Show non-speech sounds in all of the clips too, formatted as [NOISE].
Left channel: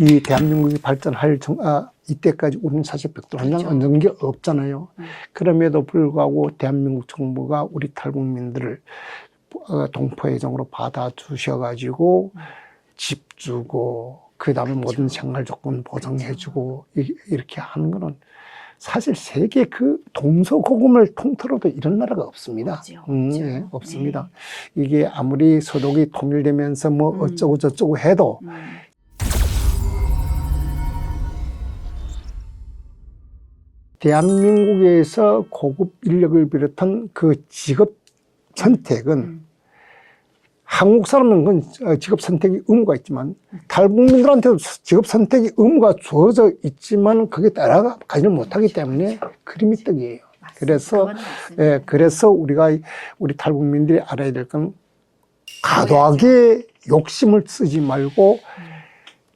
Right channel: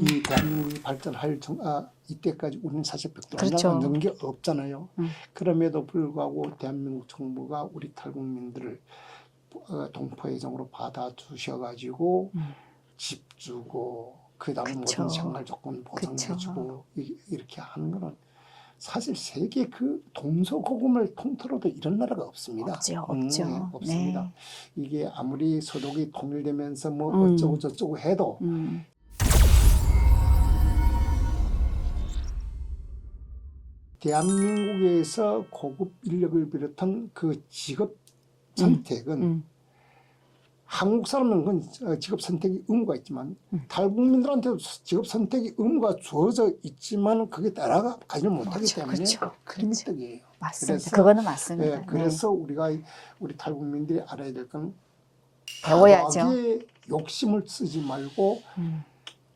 음. 이 대한민국이 발전할 정, 아, 이때까지 우리는 사실 한장 그렇죠. 얹은 게 없잖아요. 음. 그럼에도 불구하고 대한민국 정부가 우리 탈북민들을 어, 동포회장으로 받아주셔가지고 음. 집 주고 그다음에 모든 그쵸. 생활 조건 보장해주고 이- 이렇게 하는 거는 사실 세계 그 동서고금을 통틀어도 이런 나라가 없습니다. 없죠, 음, 없죠. 네, 없습니다. 이게 아무리 서독이 통일되면서 뭐 음. 어쩌고 저쩌고 해도 음. 대한민국에서 고급 인력을 비롯한 그 직업 선택은 음. 한국 사람은 어, 직업 선택이 의무가 있지만 음. 탈북민들한테도 직업 선택이 의무가 주어져 있지만 그게 따라가지를 못하기 그렇죠, 때문에 그렇죠. 그림이 떡이에요. 맞습니다. 그래서. 예, 그래서 우리가 이- 우리 탈북민들이 알아야 될 건. 과도하게 욕심을 쓰지 말고 음,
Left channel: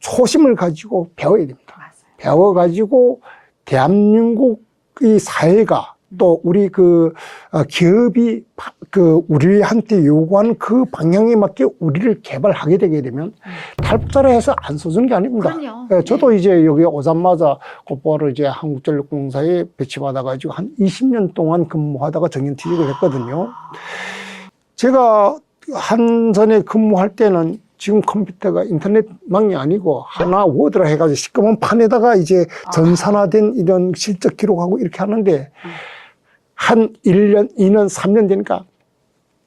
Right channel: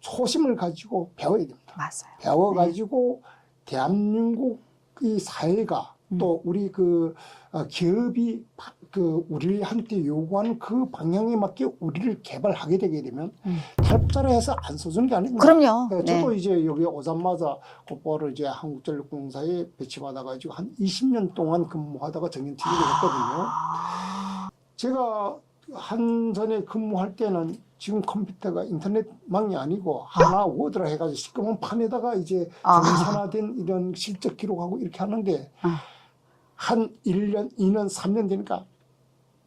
초심을 가지고 배워야 됩니다. 맞아요. 배워가지고 대한민국의 사회가 음. 또 우리 그 어, 기업이 파- 그 우리한테 요구하는 그 방향에 맞게 우리를 개발하게 되게 되면 음. 탈북자라 해서 안 써주는 게 아닙니다. 그럼요. 예, 저도 네. 이제 여기 오자마자 곧바로 이제 한국전력공사에 배치받아가지고 한 20년 동안 근무하다가 정년퇴직을 했거든요. 아, 제가 한전에 근무할 때는 지금 컴퓨터가 인터넷망이 아니고 하나 워드라 해가지고 시꺼먼 판에다가 이제 아. 전산화된 이런 실적 기록하고 이렇게 하는데 아. 한 1년, 2년, 3년 되니까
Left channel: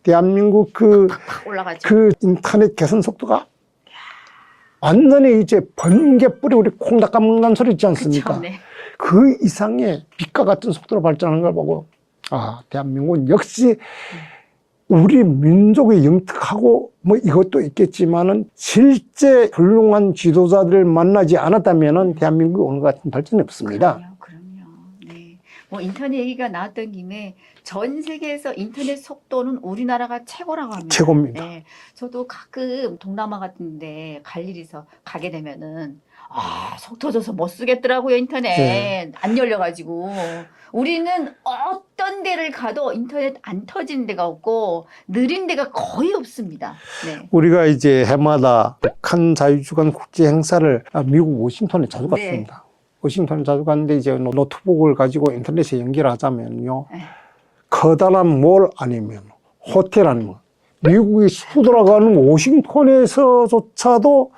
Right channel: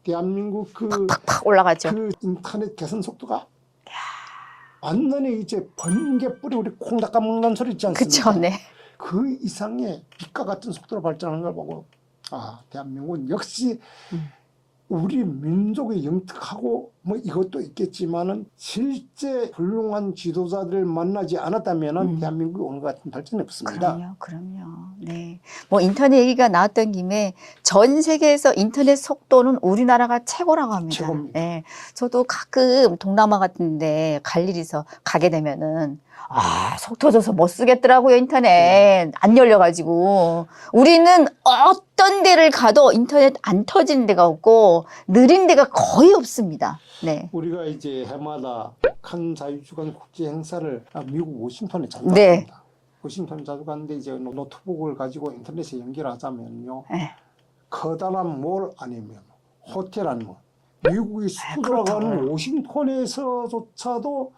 대한민국 그, 팍팍 올라가죠. 그 인터넷 개선 속도가 완전히 이제 번개불이 우리 콩 닦아 먹는 소리 있지 않습니까? 그쵸, 네. 그 이상의 빛과 같은 속도로 발전하는 걸 보고 아 대한민국은 역시 우리 민족의 영특하고 뭐 이것도 있겠지만은 실제 훌륭한 지도자들을 만나지 않았다면은 음. 대한민국이 오늘 같은 발전이 없습니다. 그럼요, 그럼요. 네. 뭐 인터넷 얘기가 나왔던 김에 전 세계에서 인터넷 속도는 우리나라가 최고라고 합니다. 최고입니다. 네. 저도 가끔 동남아 같은데 갈 일이 있어 가게 되면은 아, 속 터져서 못 쓰겠더라고요, 인터넷. 네. 안 열려가지고. 우리는 어떤 데를 가도 인터넷 안 터지는 데가 없고, 느린 데가 거의 없습니다. 네. 우리가 이제 해마다 북한 자유주간 국제 행사를 아, 미국 워싱턴에 자주 네. 갔습니다. 워싱턴에 자주 갔는데 이제 노트북을 가지고 인터넷에 연결하자면요. 네. 커다란 몰 아니면 호텔 아니면 미국의 수도라고 하는 워싱턴에서조차도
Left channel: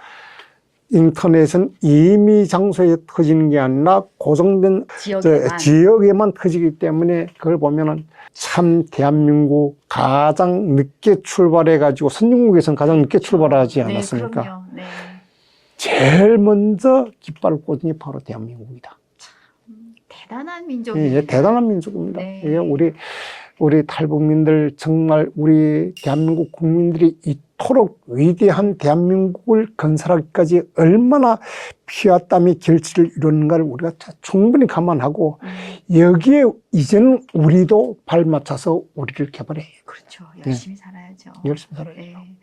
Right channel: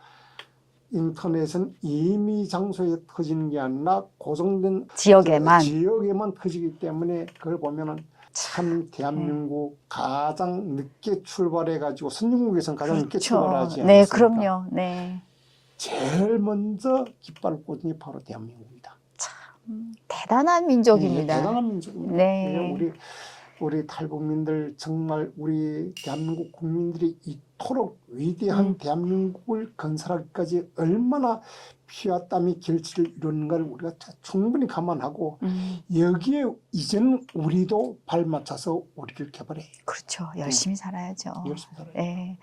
인터넷은 임의 장소에 터지는 게 아니라 고정된 지역에만. 저 지역에만 터지기 때문에 그걸 보면은 참 대한민국 가장 늦게 출발해 가지고 선진국에서는 가장 늦게 출발하지 네, 않았습니까? 그럼요. 네. 제일 먼저 깃발을 꽂은 게 바로 대한민국이다. 대단한 예, 민족입니다. 예, 대단한 민족입니다. 네. 예, 우리 우리 탈북민들 정말 우리 대한민국 국민들이 이토록 위대한 대한민국을 건설하기까지 얼마나 피와 땀이 결실을 이루는가를 우리가 다 충분히 감안하고 음, 여기에 이제는 우리도 발맞춰서 우리를 개발해 그렇죠. 열심히 살아야죠. 열심히 살아요. 네.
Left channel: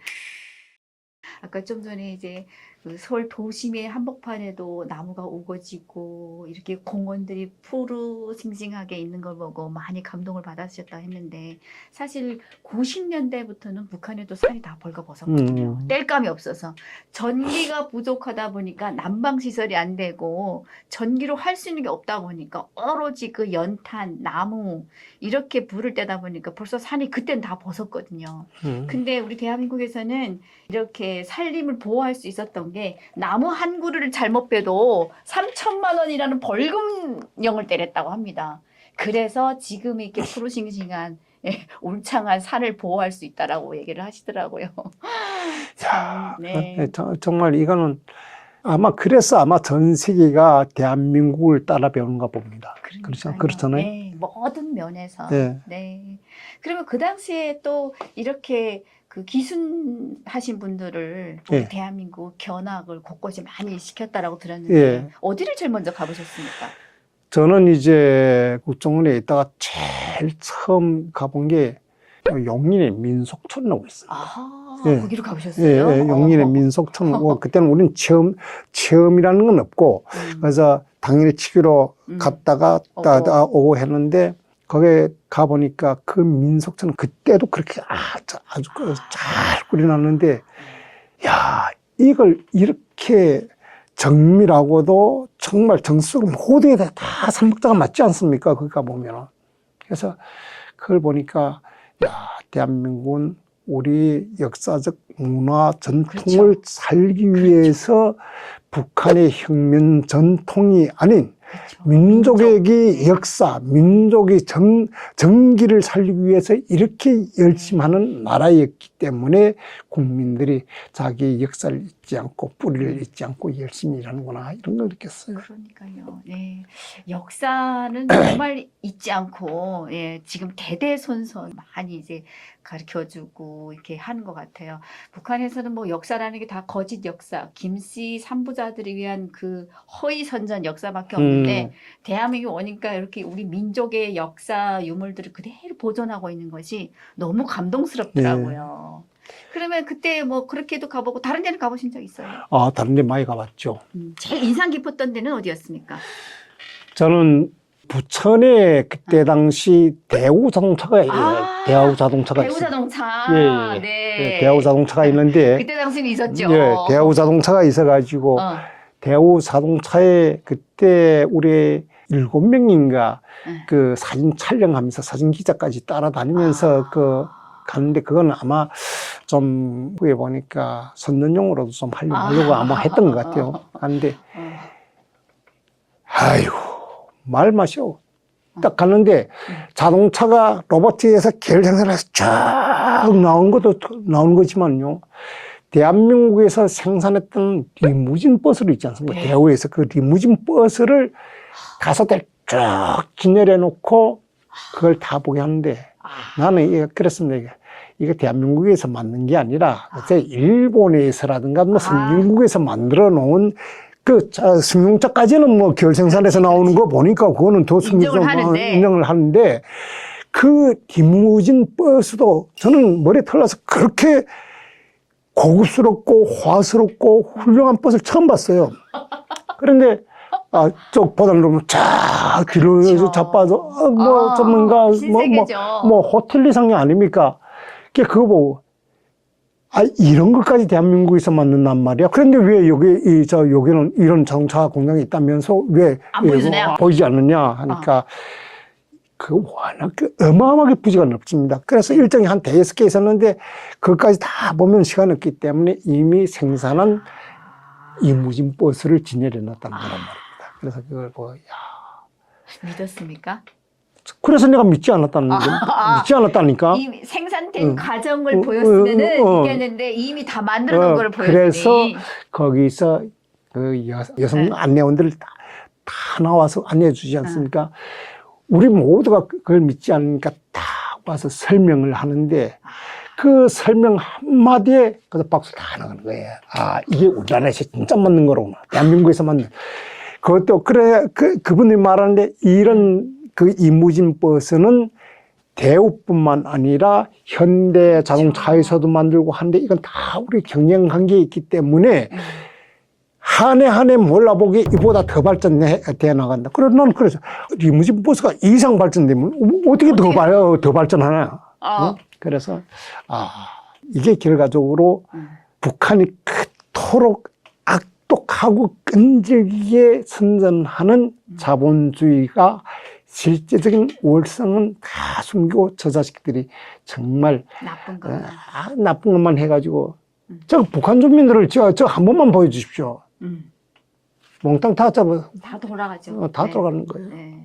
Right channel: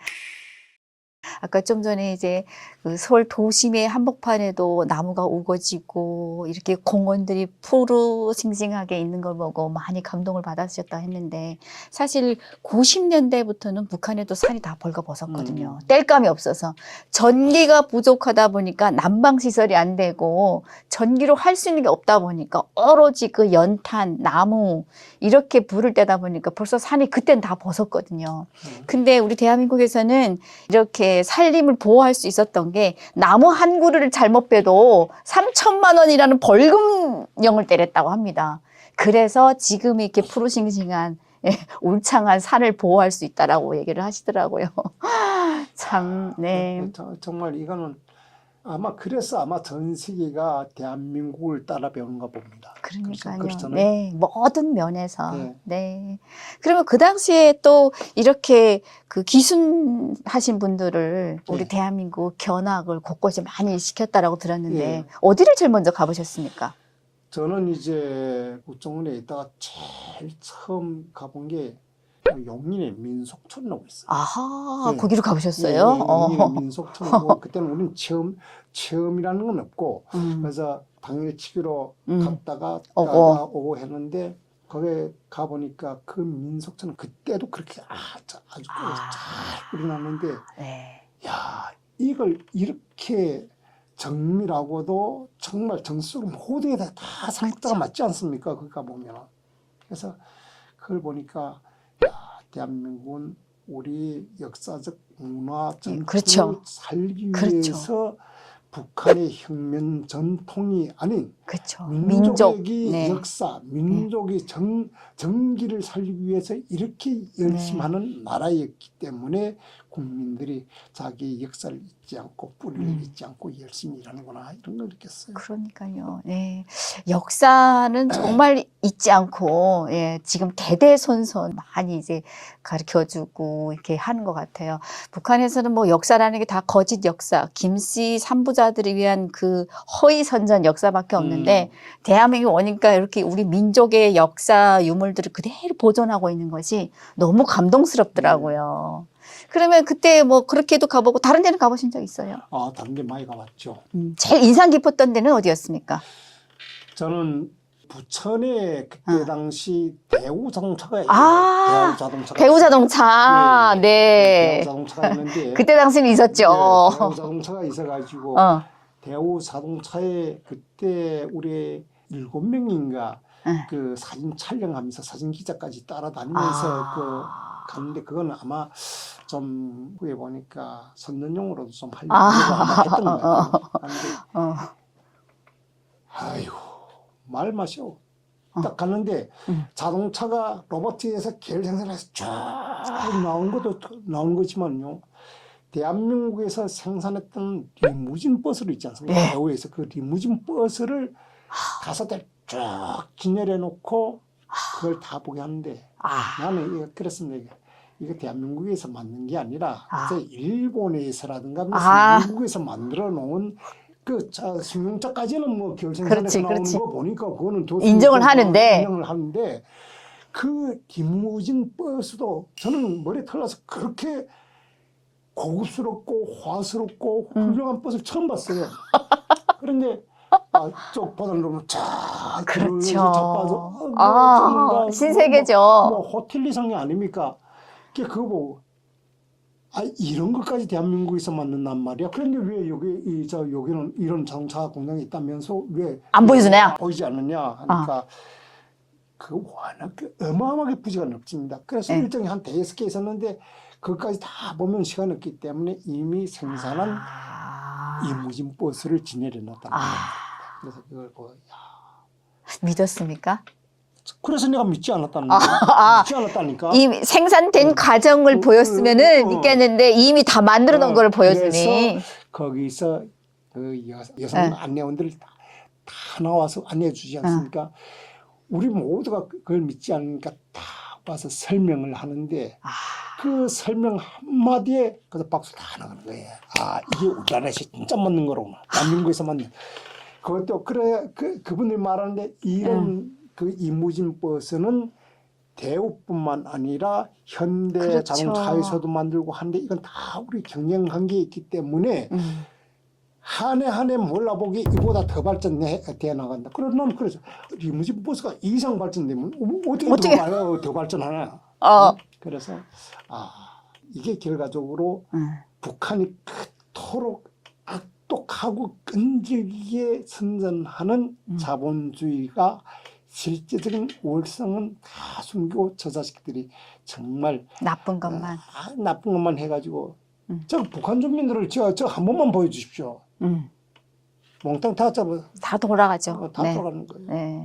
아까 좀 전에 이제 그 서울 도심의 한복판에도 나무가 우거지고 이렇게 공원들이 푸르싱싱하게 있는 걸 보고 많이 감동을 받으셨다 했는데 사실 90년대부터는 북한에도 산이 다 벌거벗었거든요. 음. 뗄감이 없어서 전기가 부족하다 보니까 난방 시설이 안 되고 전기로 할 수 있는 게 없다 보니까 오로지 그 연탄, 나무 이렇게 불을 떼다 보니까 벌써 산이 그땐 다 벗었거든요. 음. 근데 우리 대한민국에서는 이렇게 살림을 보호할 수 있었던 게 나무 한 그루를 잘못 빼도 3천만 원이라는 벌금령을 때렸다고 합니다. 그래서 지금 이렇게 푸르싱싱한 예, 울창한 산을 보호할 수 있다라고 얘기를 하시더라고요. [LAUGHS] 참, 네. 정말 이거는 아마 그래서 아마 전 세계가 대한민국을 따라 배우는가 봅니다. 그러니까요. 그렇잖아요. 네, 모든 면에서. 네. 네. 그러면 그 당시에 또 이렇게 그 기순하신 분들을 우리 네. 대한민국 견학을 곳곳에 많이 시켰다라고 들었는데 예. 어디를 제일 먼저 가보셨습니까? 저는 이제 국정원에 있다가 제일 처음 가본 게 용인의 민속촌이라고 있어요. 아하, 예. 거기로 예, 가보셨어요? 예, 용인의 어허. 민속촌이고 [LAUGHS] 그때는 우리는 체험 체험이라는 건 없고 음, 그래서 당일 치기로 음. 갔다가. 따다 오고 했는데 거기에 가 보니까 그 민속촌은 그때도 그렇게 아주 아주 아. 잘 꾸려놨는데 네. 야 이걸 이렇게 정밀하고도 정말 정수로 모든 게 다 삼국자가 맞지 않습니까? 그거 보면은. 그래서 그걸 보니까 야, 대한민국은 우리 역사적 문화 전통을 그렇죠. 살기 그렇죠. 위해서 북한의 혁명 전통이 아닌 그렇죠. 민족의 민족, 네. 역사, 민족의 정, 정기를 살리기 위해서 이렇게 열심히 네. 하는 나라였기 때문에 국민들이 자기 역사를 잊지 않고 뿌리를 음. 잊지 않고 열심히 일하는구나 이런 걸 느꼈어요. 그러니까요. 예. 역사는 [CLEARS THROAT] 정말 잊지 않고 예, 지금 대대손손 많이 이제 가르쳐주고 이렇게 하는 것 같아요. 북한에서는 뭐 역사라는 게 다 거짓 역사, 김씨 삼부자들을 위한 그 허위 선전 역사밖에 없는 데 음. 대한민국 오니까 이렇게 우리 민족의 역사 유물들을 그대로 보존하고 있는 것이 너무 감동스럽더라고요. 그러면 그때 뭐 그렇게도 가보고 다른 데는 가보신 적 있어요? 아, 다른 데 많이 가봤죠. 음, 제일 인상 깊었던 데는 어디였습니까? 저는 부천에 그때 아. 당시 대우 자동차가 있어요. 아, 대우 자동차가 대우 있어요. 자동차. 예, 예. 네. 대우 자동차가 있는데 [LAUGHS] 그때 당시는 있었죠. 예, 대우 자동차가 있어가지고 어. 대우 자동차에 그때 우리 일곱 명인가 네. 그 사진 촬영하면서 사진 기자까지 따라다니면서 아. 그 가는데 그건 아마 좀 그에 보니까 선전용으로도 좀 하려고 아. 아마 했던 것 같아요. 근데 [LAUGHS] 어. 아유 말 마셔. 어. 딱 갔는데 음. 자동차가 로버트에서 계열 생산해서 쫙 나온 것도 나온 거지만요. 대한민국에서 생산했던 리무진 버스를 있지 않습니까? 예. 대우에서 그 리무진 버스를 대를 쭉 기내려 놓고 그걸 다 보게 하는데 아. 나는 이게 그랬습니다. 이게. 이게 대한민국에서 만든 게 아니라 아. 일본에서라든가 뭐 아. 미국에서 만들어 놓은 그 자, 승용차까지는 뭐결 그렇지, 나오는 그렇지. 거 보니까 그거는 더 인정을 하는데. 인정을 하는데 그 리무진 버스도 저는 머리에 털나서 그렇게 고급스럽고 화스럽고 훌륭한 버스를 처음 봤어요. 그런데 아, 쪽보다는 너무 쫙 뒤로 그렇죠. 자빠져 어, 뭐 아, 전문가 신세계죠. 뭐, 뭐 호텔 이상이 아닙니까? 그게 그거 보고 아 이런 것까지 대한민국에서 만든단 말이야. 그런데 왜 여기 이 저 여기는 이런 자동차 공장이 있다면서 왜안왜 보여주냐? 보이지 않느냐 하니까 그 워낙 그 어마어마하게 부지가 넓습니다. 그래서 네. 일정이 한 대여섯 개 있었는데 그것까지 다 보면 시간이 없기 때문에 이미 생산한 아. 이무진 버스를 진열해 놨다는 아. 말입니다. 그래서 그걸 보고 야 믿었습니까? 그래서 내가 믿지 않았다는 거 아. 믿지 않았다니까. 이 생산된 어. 과정을 어, 보였으면은 어, 어. 믿겠는데 이미 다 만들어 놓은 어, 걸 보여주니. 그래서 거기서 그 여, 여성 네. 안내원들 다, 다 나와서 안내해 주지 않습니까? 어. 우리 모두가 그걸 믿지 않으니까 다 와서 설명을 하는데 아. 그 설명 한마디에 그래서 박수 다 나가는 거예요. 아, 이게 우리나라에서 진짜 맞는 거로구나. 대한민국에서 맞는. 그것도 그래, 그, 그분이 말하는데 이런 음. 그 이무진 버스는 대우뿐만 아니라 현대 그렇죠. 자동차에서도 만들고 하는데 이건 다 우리 경영 관계에 있기 때문에 음. 한 해 한 해 몰라보기 이보다 더 발전돼 나간다. 그래서 난 그래서 리무진 버스가 이상 발전되면 어떻게, 어떻게? 더, 발, 더 발전하나. 어. 응? 그래서 아 이게 결과적으로 음. 북한이 그토록 악독하고 끈질기게 선전하는 음. 자본주의가 실제적인 월성은 다 숨기고 저 자식들이 정말 나쁜 것만. 아, 나쁜 것만 해가지고 음. 저 북한 주민들을 저 저 한 번만 보여주십시오. 음. 몽땅 다 잡아 다 돌아가죠. 어, 다 네. 들어가는 거예요. 네.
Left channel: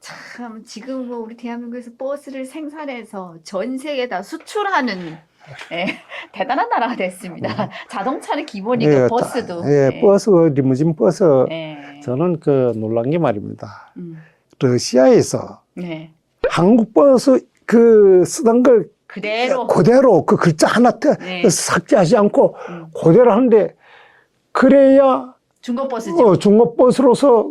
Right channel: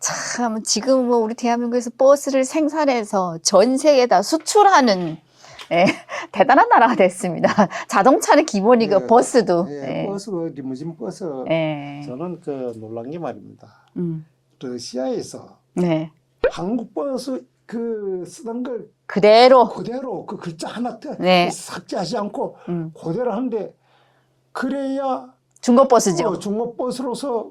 참 지금 뭐 우리 대한민국에서 버스를 생산해서 전 세계에다 수출하는 예, [LAUGHS] 대단한 나라가 됐습니다. [LAUGHS] 자동차는 기본이고 예, 버스도. 예, 예. 버스 리무진 버스 예. 저는 그 놀란 게 말입니다. 음. 러시아에서 네. 한국 버스 그 쓰던 걸 그대로. 그대로 그 글자 하나 더 네. 삭제하지 않고 음. 그대로 하는데 그래야 중고 버스죠. 어, 중국 버스로서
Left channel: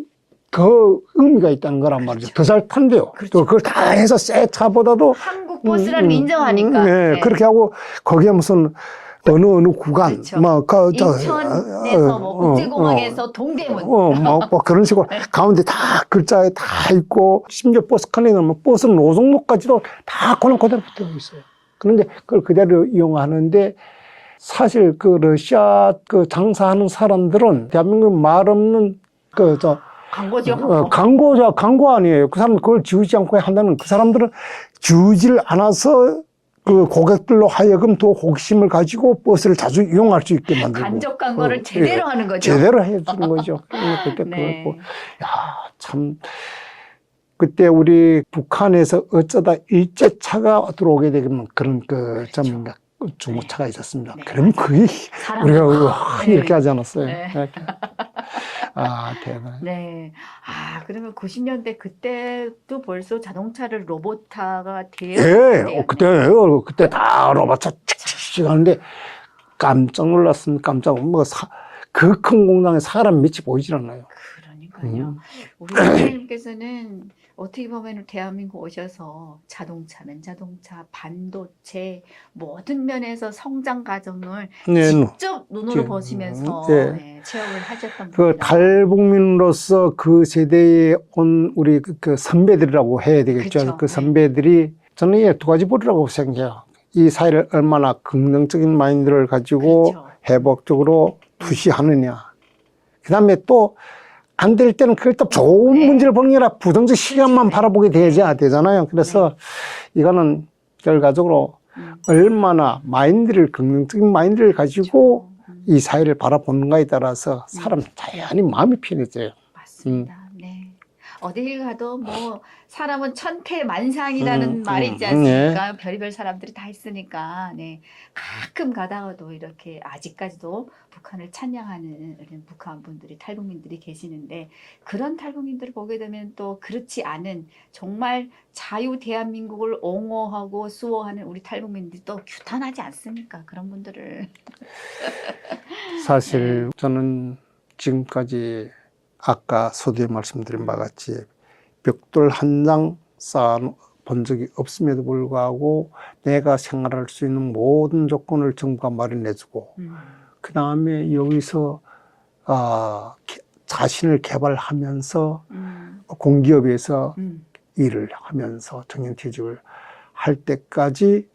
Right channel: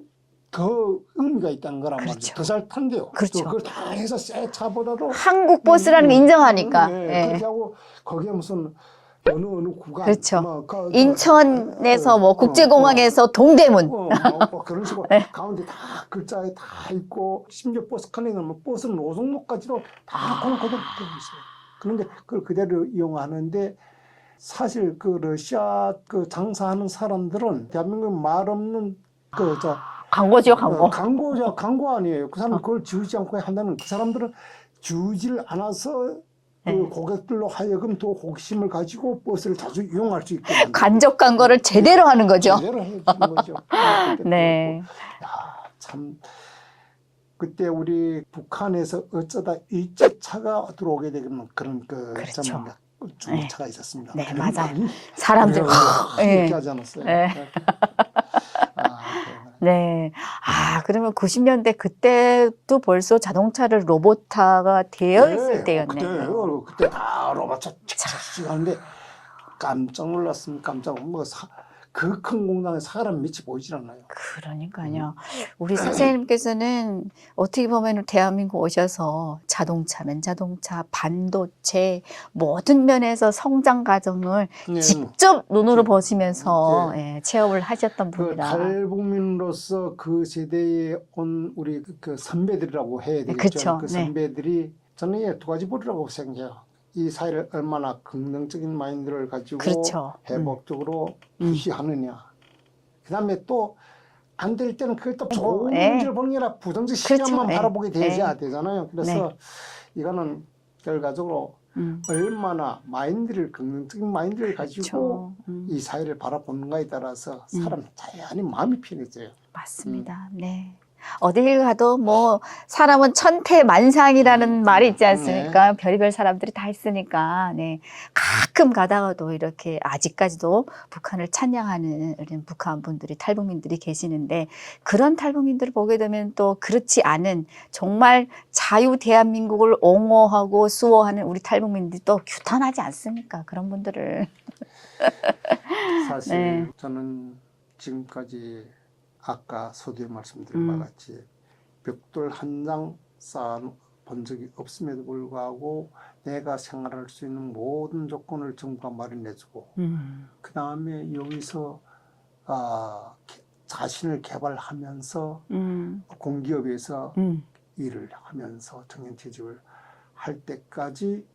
더 의미가 있다는 거란 그렇죠. 말이죠. 더 잘 탄대요. 그렇죠. 또 그걸 다 해서 새 차보다도 한국 버스라는 음, 걸 인정하니까. 네, 네. 그렇게 하고 거기에 무슨 어느 어느 구간 그렇죠. 뭐 그, 저, 인천에서 어, 뭐 어, 국제공항에서 동대문. 어, 뭐, 뭐 그런 식으로 [LAUGHS] 네. 가운데 다 글자에 다 있고 심지어 버스 칸에 넣으면 버스 노송로까지도 다 그대로 되어 있어요. 그런데 그걸 그대로 이용하는데 사실 그 러시아 그 장사하는 사람들은 대한민국 말 없는 그저 광고죠, 광고. 어, 광고자 광고 아니에요. 그 사람 그걸 지우지 않고 한다는 그 사람들은 지우질 않아서 그 네. 고객들로 하여금 더 호기심을 가지고 버스를 자주 이용할 수 있게 만들고 간접 광고를 어, 제대로 예, 하는 거죠. 제대로 해주는 거죠. [LAUGHS] 그때 네. 그렇고 야 참 그때 우리 북한에서 어쩌다 일제차가 들어오게 되면 그런 그렇죠. 중고차가 있었습니다. 네, 그럼 맞아요. 거의 사람들. 우리가 네. 이렇게 하지 않았어요. 네. 네. 아 대박. 네. 아, 그러면 90년대 그때도 벌써 자동차를 로봇화가 되었을 예, 때였네. 어, 그때 어, 그때 다 로봇차 칙칙칙 하는데 깜짝 놀랐습니다. 깜짝 뭐 그 큰 공장에 사람 밑이 보이질 않아요. 그러니까요. 음. 우리 선생님께서는 어떻게 보면 대한민국 오셔서 자동차는 자동차, 반도체 모든 면에서 성장 과정을 네, 직접 눈으로 네. 보시면서 네. 예, 체험을 하셨던 그 분이다. 탈북민으로서 그 세대에 온 우리 그, 그 선배들이라고 해야 되겠죠. 그쵸, 그 네. 선배들이 저는 이게 두 가지 보리라고 생각해요. 이 사회를 얼마나 긍정적인 마인드를 가지고 그렇죠. 회복적으로 투시하느냐. 그 다음에 또 안 될 때는 그걸 또 좋은 네. 문제를 보는 게 아니라 부정적 시간만 네. 바라보게 네. 되잖아요. 그래서 이거는 결과적으로 음, 얼마나 마인드를 긍정적인 마인드를 가지고 그렇죠. 음, 이 사회를 바라보는가에 따라서 사람 자연히 마음이 편해져요. 맞습니다. 음. 네. 어딜 가도 뭐 사람은 천태만상이라는 음, 말이 음, 있지 않습니까? 별의별 사람들이 다 있으니까 네. 가끔 가다가도 이렇게 아직까지도 북한을 찬양하는 이런 북한 분들이 탈북민들이 계시는데 그런 탈북민들을 보게 되면 또 그렇지 않은 정말 자유 대한민국을 옹호하고 수호하는 우리 탈북민들이 또 규탄하지 않습니까? 그런 분들을 사실 [LAUGHS] 네. 저는 지금까지 아까 서두에 말씀드린 바와 음. 같이 벽돌 한 장 쌓아본 적이 없음에도 불구하고 내가 생활할 수 있는 모든 조건을 정부가 마련해주고 그 다음에 여기서 아, 개- 자신을 개발하면서 음, 공기업에서 음. 일을 하면서 정년퇴직을 할 때까지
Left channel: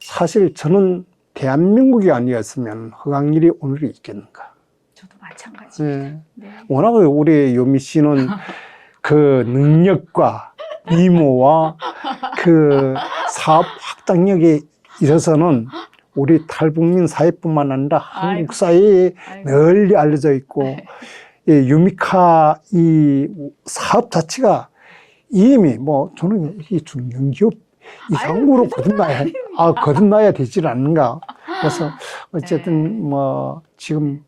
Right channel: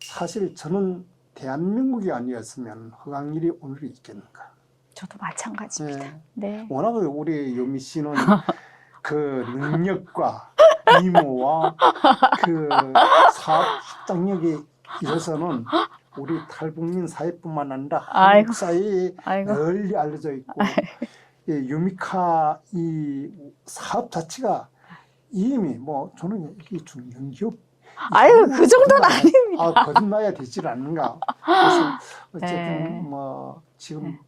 사실 저는 대한민국이 아니었으면 허강일이 오늘이 있겠는가. 저도 마찬가지입니다. 네. 네. 워낙 우리 요미 씨는 그 능력과 미모와 그 사업 확장력에 있어서는 우리 탈북민 사회뿐만 아니라 아이고. 한국 사회에 아이고. 널리 알려져 있고 이 유미카 이 사업 자체가 이미 뭐 저는 이 중견기업 아유, 이상으로 그 정도는 거듭나야, 아, 거듭나야 되질 않는가. 그래서 [LAUGHS] 어쨌든 네. 뭐 지금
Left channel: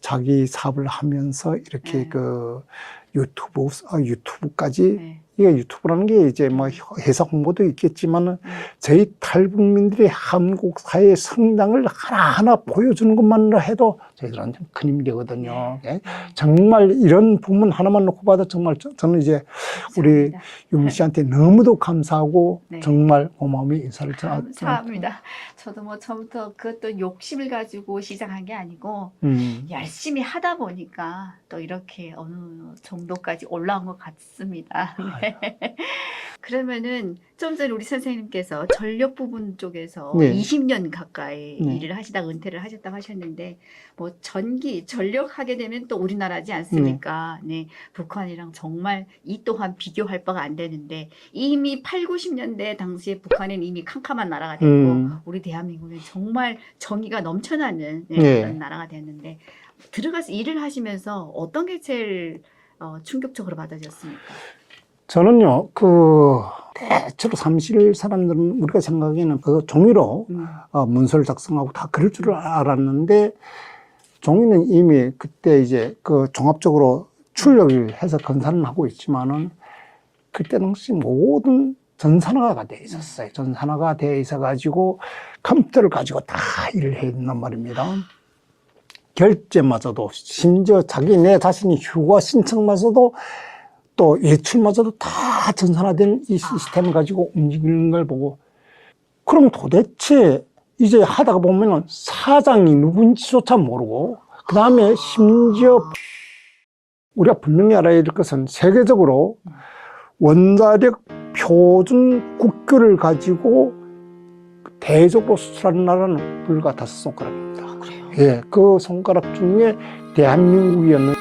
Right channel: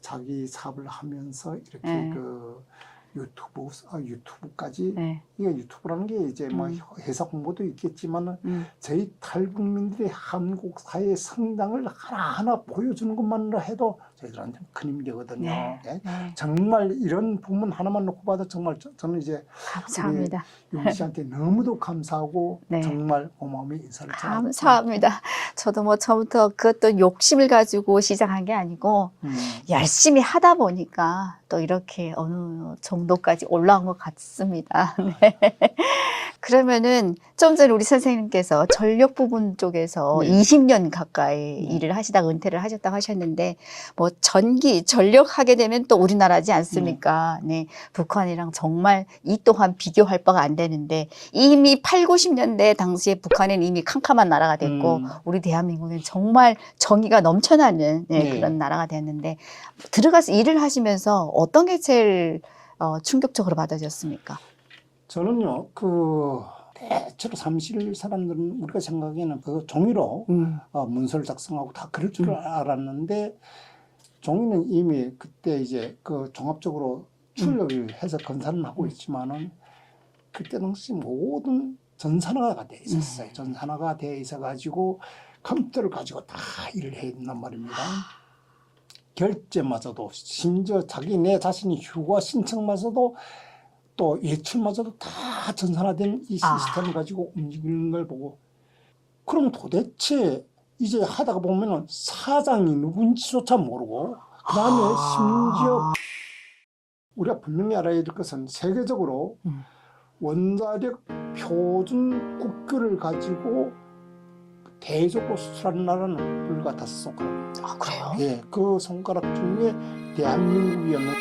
자기 사업을 하면서 이렇게 네. 그 유튜브, 아, 유튜브까지 네. 이게 유튜브라는 게 이제 뭐 음. 회사 홍보도 있겠지만은 음. 저희 탈북민들의 한국 사회의 성장을 하나하나 보여주는 것만으로 해도 저희들한테 큰 힘이 되거든요. 네. 예? 네. 정말 이런 부분 하나만 놓고 봐도 정말 저- 저는 이제 감사합니다. 윤미 씨한테 너무도 감사하고 네. 정말 고마움의 인사를 전하고 감사합니다. 저도 뭐 처음부터 그것도 욕심을 가지고 시작한 게 아니고 음. 열심히 하다 보니까 또 이렇게 어느 정도까지 올라온 것 같습니다. 네. [LAUGHS] 그러면은 좀 전에 우리 선생님께서 전력 부분 쪽에서 네. 20년 가까이 네. 일을 하시다가 은퇴를 하셨다고 하셨는데 뭐 전기 전력 하게 되면 또 우리나라지 않습니까? 네. 북한이랑 정말 이 또한 비교할 바가 안 되는데 이미 8, 90년대 당시에 북한은 이미 캄캄한 나라가 됐고 음. 우리 대한민국은 정말 정의가 넘쳐나는 네, 네. 그런 나라가 됐는데 들어가서 일을 하시면서 어떤 게 제일 어, 충격적으로 받아졌습니까? 저는요, 그, 대체로 사무실 사람들은 우리가 생각에는 그 종이로 음. 어, 문서를 작성하고 다 그럴 줄 알았는데 종이는 이미 그때 이제 그 종합적으로 출력을 해서 건사는 하고 있지만은 그때 당시 모든 전산화가 돼 있었어요. 전산화가 돼 있어 가지고 컴퓨터를 가지고 다 일을 해야 된단 말입니다. 결제마저도 심지어 자기 내 자신이 휴가 신청마저도 또 예출마저도 다 전산화된 이 아. 시스템을 가지고 움직이는 걸 보고 그럼 도대체 이제 하다가 보면은 사장이 누군지조차 모르고 그 다음에 아. 심지어 우리가 분명히 알아야 될 것은 세계적으로 음. 원자력 표준 국교를 가지고 대적으로 수출하는 나라는 불과 다섯 손가락입니다. 아, 그래요? 예, 그 손가락 중에 대한민국이었는